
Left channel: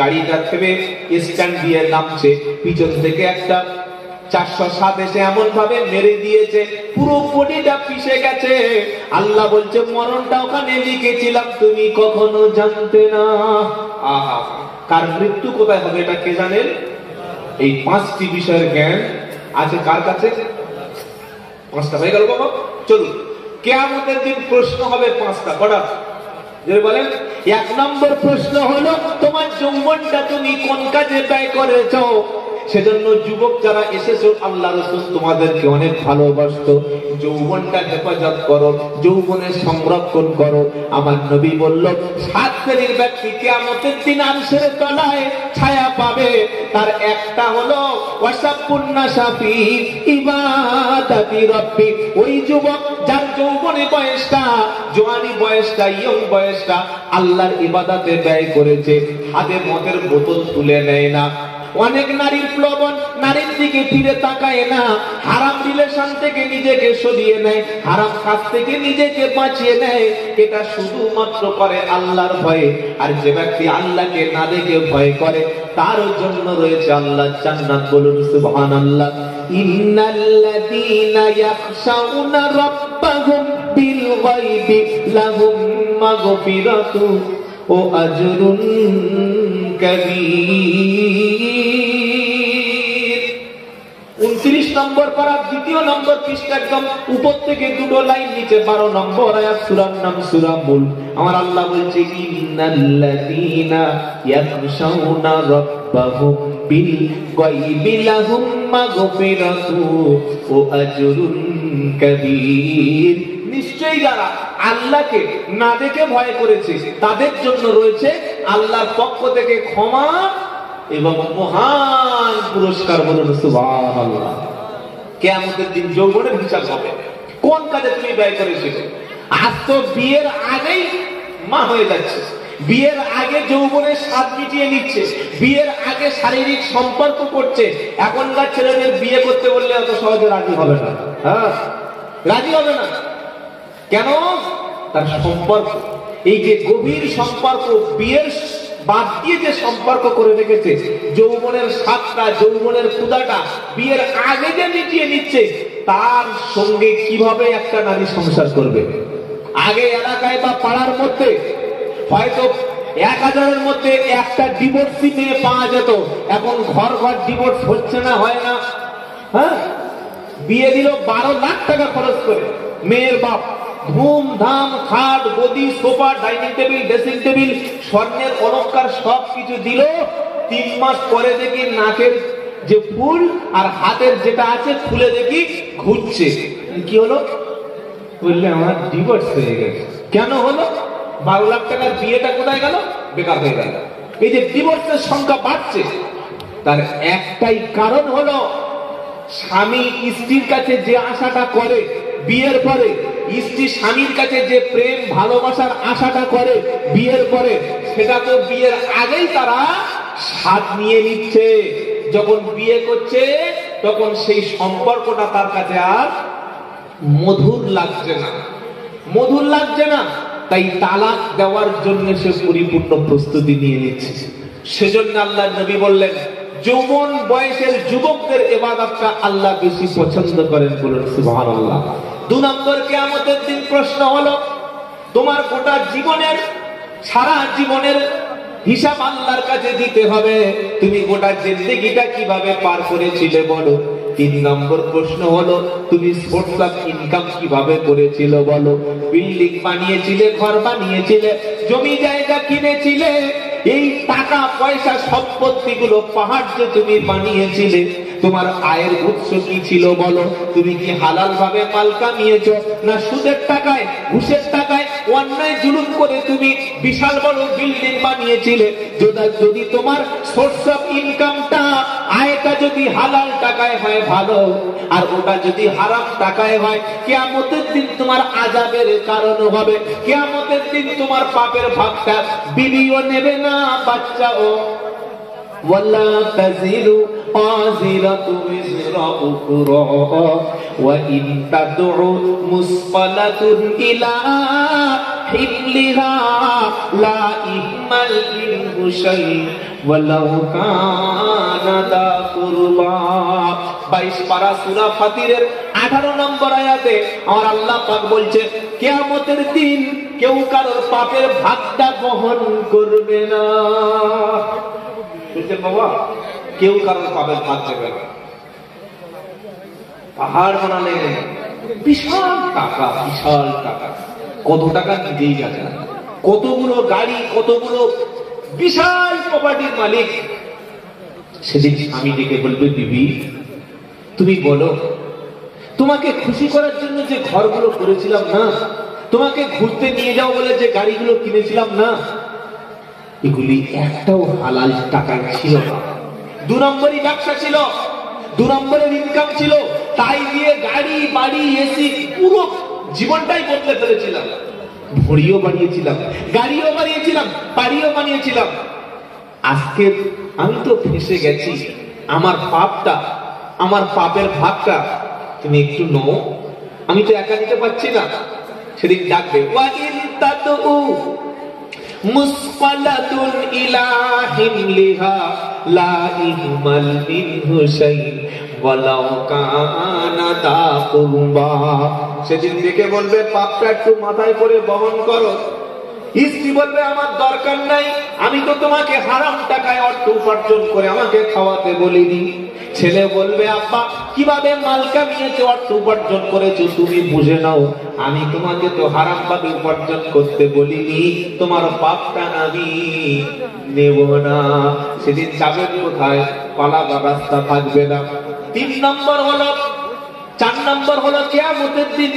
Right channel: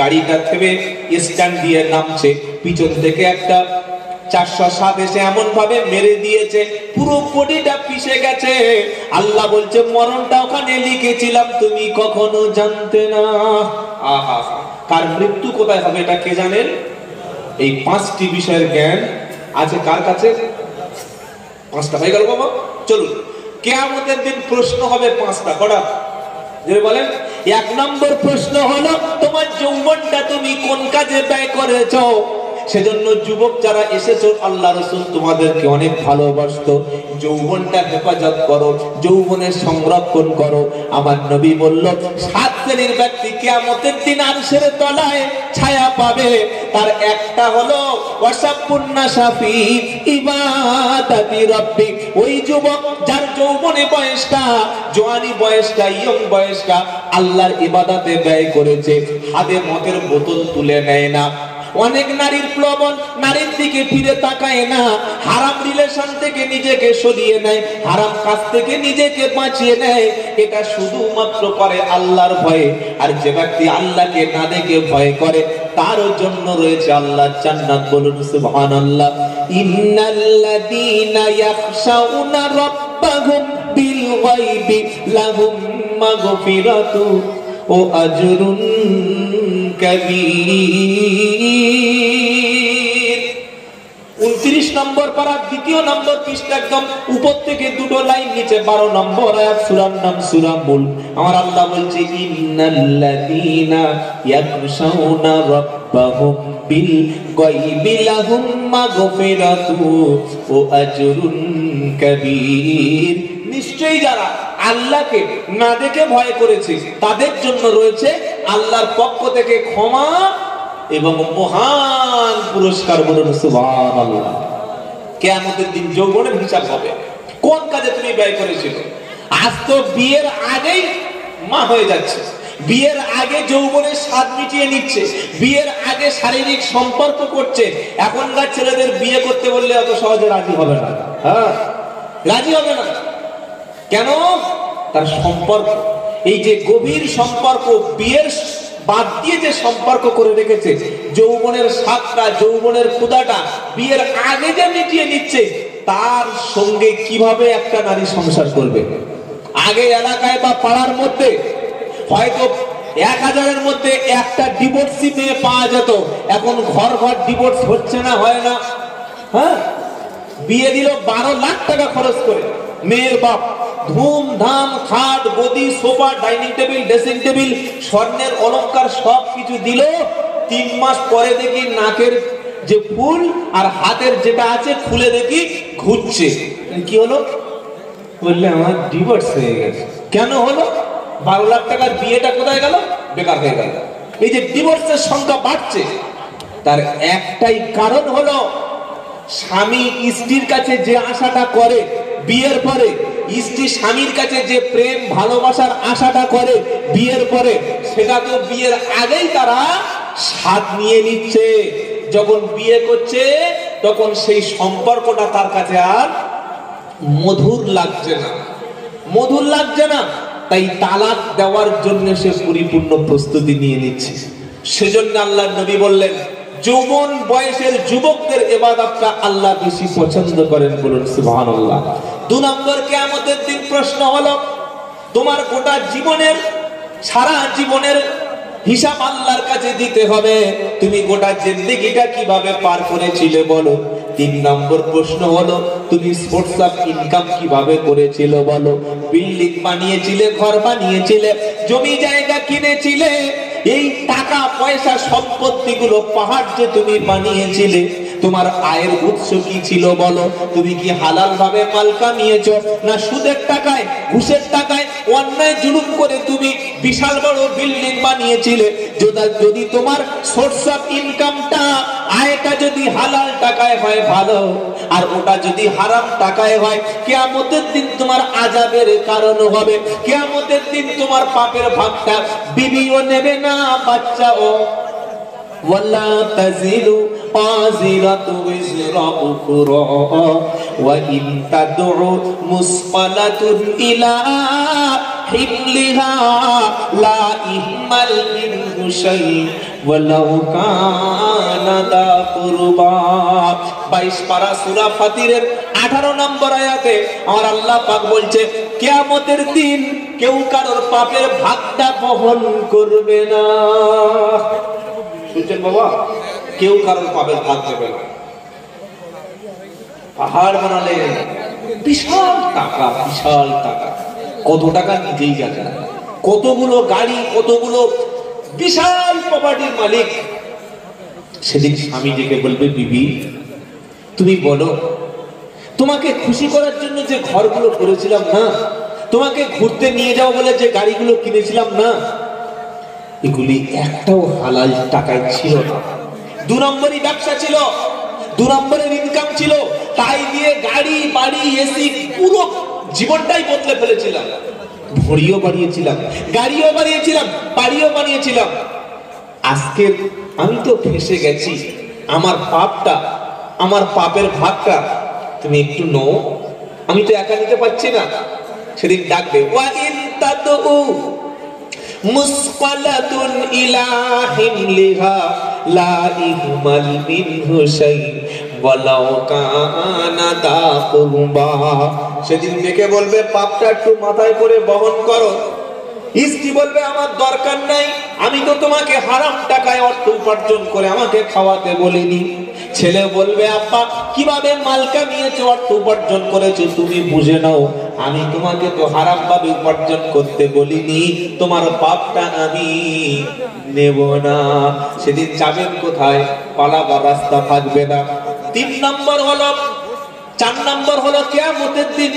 গাড়িটা থেমে স্ট্যান্ড দিয়ে নামছে, পিছন থেকে একটা 407 এসে এমন ভাবে মেরে দিয়েছে পুরো বডিটা পিষে গেছে। আল্লাহ বলছে, মরণটা ওখানে লিখেছিলাম, তুমি কখনো জানতে না। আহা, কার মৃত্যু কোথায় হবে এটা কে জানেন? এই 5টি বিষয়ের জ্ঞান আছে কার কাছে? 5টা হয়ে গেল বাবা। চলুন, কিয়ামতের দিন প্রশ্ন হবে 5টা। কটা? যে বলেন, 1 নম্বর প্রশ্ন হলো, তোমার যৌবনটা তুমি কোন কাজে ব্যয় করেছো? সেজন্য যুবক যারা এসেছো, আল্লাহ রাসূল তোমাদেরকে অনেক ভালোবাসতো। যৌবনটা হেফাজত করো, যৌবনের সংরক্ষণ করো। আমার নবী বলল, 7 শ্রেণীর ব্যক্তি কিয়ামতের দিন আরশের তলায় ছায়া পাবে। তার একটা হলো ওয়াসাবুন নাসাফি ইবাদাতি রাব্বি। ওই যুবক যার যৌবনে বয়সটা, জওয়ানি বয়সটা, ইয়ং বয়সটা আল্লাহর ইবাদতে ব্যয় করেছে, হাতে মদের বোতল তুলে নেয় না, অনেক নারীর প্লবন, নারীর দিকে ফিরে তাকায় না, হারাম রিলেশন থেকে নিজেকে সরিয়ে নেয়, হারাম কাজ থেকে নিজেকে বাঁচিয়ে নেয়, এটা শুধুমাত্র করে আল্লাহর ভয়ে। আর যে ব্যক্তি আল্লাহকে না দেখে ভয় করে, তার জন্য রয়েছে আল্লাহর জান্নাত। বলুন সুবহানাল্লাহ। ইন্নাল্লাযীনা ইয়াখশাউনা রাব্বাহুম বিল গায়বি লাহুম মাগফিরাতু ওয়া আজরুন কাবীর। 29 নম্বর পারা, 2 নম্বর পৃষ্ঠা, একদম উপর থেকে 2 লাইন নিচে 12 নম্বর আয়াত, সূরার নাম সূরা মুল। আমার আল্লাহ বলছে ইন্নাল্লাযীনা ইয়াখশাউনা রাব্বাহুম বিল গায়বি লাহুম মাগফিরাতু ওয়া আজরুন কাবীর। নিশ্চয়ই যারা আল্লাহকে না দেখে ভয় করেছে তাদের জন্য রয়েছে আল্লাহর পক্ষ থেকে ক্ষমা এবং মহান পুরস্কার। বলুন সুবহানাল্লাহ। কিয়ামতের দিন যৌবনের হিসাব হবে, কোন কাজে তুমি ব্যয় করেছিল। আজ তো বিয়ের আগেই মা হয়ে যাচ্ছে, বিয়ের আগে যৌবনের স্বাদ মিটিয়ে নিচ্ছে, বিয়ের আগে শারীরিক সম্পর্ক করছে। এখনকার ছেলেদের বিয়ে করতে বললে এত সহজে রাজি হবে না। হ্যাঁ, রাজি হবে না। কেন? তার সম্পর্ক, এই যে গভীর সম্পর্ক, বিয়ের বাদ দিয়ে যে সম্পর্ক করে রেখেছে, যৌবনের স্বাদটা, যৌবনের ক্ষুধাটা বিয়ের আগে যে মিটিয়ে নিচ্ছে, তার সঙ্গে কিভাবে একটা নারী সংসার করবে। আগে এলাকায় বা পাড়ার মধ্যে হয়তো 1000-এর মধ্যে একটা ডিভোর্সি মেয়ে পাওয়া যেত, এখন ঘর ঘর ডিভোর্স হচ্ছে না, হয় না। হ্যাঁ, বিয়ে দিল 12 লাখ টাকা খরচ করে, মেয়ের বাপ ধুমধাম খাট, গদি, sofa, dining table, dressing table, স্বর্ণের অলংকার সব কিছু দিল। 3 মাস পরে দেখি নাকের যে ফুল আর হাতের যেটা আছে খুলে দেখি ঘুরছে। কি হলো? বললে আমার ডিভোর্স হয়ে গেছে। কেন হলো? 12 লাখ টাকার বিয়েটা কোথায় গেল? বেকার হয়ে গেল। এই যে ডিভোর্সের সংখ্যা বাড়ছে, তার একটাই কারণ হলো স্বামী স্ত্রীর কাছে যে আশাটা করে বিয়ের পরে, স্ত্রী স্বামীর কাছে যে প্রেম ভালোবাসার আশাটা করে বিয়ের পরে, সেটা তো বিয়ের আগেই তারা স্বাদ নিয়ে নিচ্ছে। যখন বিয়ে করছে তখন সেই সম্পর্কটা তার কাছে আর মধুর লাগছে না, মধুর লাগছে না। তাই তালাক দেওয়ার জন্য সে পরিপূর্ণ প্রস্তুতি নিয়ে নিচ্ছে। সেজন্য আল্লাহর নবী বললেন, যৌবন বয়সের যুবকদের ইবাদতটা আল্লাহ বেশি পছন্দ করেন। বলুন সুবহানাল্লাহ। 2 নম্বর, কিয়ামতের দিন প্রশ্ন হলো, তোমার গোটা জীবনের, সারা জীবনের হিসাব আল্লাহর কাছে দিতে হবে। তুমি গোটা জিন্দেগিটা কিভাবে পার করেছিলে বলো। 3 নম্বর প্রশ্ন হলো, তুমি সোর্স অফ ইনকাম কিভাবে করেছিল বলো। বিল্ডিং বানিয়েছিলে, ঘর বানিয়েছিলে, জমি জায়গা কিনেছিলে, এই টাকা পয়সা সম্পত্তিগুলো পাহাড় যে তুমি বানিয়েছিলে, তোমার আয়ের উৎস কি ছিল বলো। তুমি কি হালাল ভাবে মাল কামিয়েছো, না সুদের টাকায়, ঘুষের টাকায়, অন্যায় জুলুম করে তুমি বিশাল বড় বিল্ডিং বানিয়েছিলে। যদি তোমার সোর্স অফ ইনকামটা, আয়টা যদি হালাল টাকায় হয় ভালো, আর ওটা যদি হারাম টাকায় হয়, কিয়ামতের দিন তোমার আযাবের কারণ হবে। কিয়ামতের দিন তোমার পাপের ভাগটা বিবিও নেবে না, বাচ্চাও। ولا تزر وازرة وزر أخرى وإن تدع مثقلة إلى حملها لا يحمل منه شيء ولو كان ذا قربى। 22 পারা সূরা ফাতিরের 18 নম্বর আয়াতে আমার আল্লাহ পাক বলছে, কিয়ামতের দিন কেউ কারোর পাপের ভাগটা বহন করবে না। শুনছেন বাবা? কেউ কারণ পাপের ভাগ দেবে না। পাহাড় বানালে বিশাল টাকা, বিশাল টাকা, কত টাকা নিজেই জানে না, কতগুলো গাড়ি, কতগুলো বিশাল প্রপার্টির মালিক। সেদিন স্বামী ডেকে বলবে, বিবি তুমি বলো, তোমাকে খুশি করার জন্য যে ঘরগুলো করেছিলাম না, তোমাকে ঘুরতে নিয়ে যাও বলে যে গাড়িগুলো কিনেছিলাম না, এগুলি একটাও হালাল টাকায় ছিল না। 2 নম্বরই ব্যবসা ছিল, 2 নম্বরের ইনকাম ছিল, তাই দিয়ে গাড়ি, বাড়ি, এসি, পুরো জীবনটাই বদলে ফেলেছিলাম। ভড়িও বানিয়েছিলাম, গাড়িও বানিয়েছিলাম, বাড়িও বানিয়েছিলাম। আজকে আমি তো ফেসে গেছি, আমার পাপটা, আমার পাপের ভাগটা তুমি একটু নাও, আমি তো একা নিতে পারছি না। সেদিন ডাকবে, ওয়া ইন তাদউ মুসকালাতুন ইলা হিমলিহা লা ইহমাল মিনহু শাই ওয়ালাউ কানা দা কুরবা। সেদিন ডেকে বলবে, পাপটা একটু মাথায় করে বহন করো। স্ত্রী বলবে, আমার দরকার নাই, আমি তো তোমাকে হারাম টাকায় অর্থ উপার্জন করে আমাকে খাওয়াতে বলিনি। ছেলে বলবে আব্বা কিভাবে মাল কামিয়েছো, অর্থ উপার্জন করেছো তুমি বুঝে নাও, আমি তোমাকে তো হারাম ভাবে উপার্জন করতে বলিনি, তোমার পাপটা আমি নেব না। সেদিন যাবে কোথায়? পালাবার রাস্তা থাকবে না। 3 নম্বর হলো, 4 নম্বর হলো কিয়ামতের দিন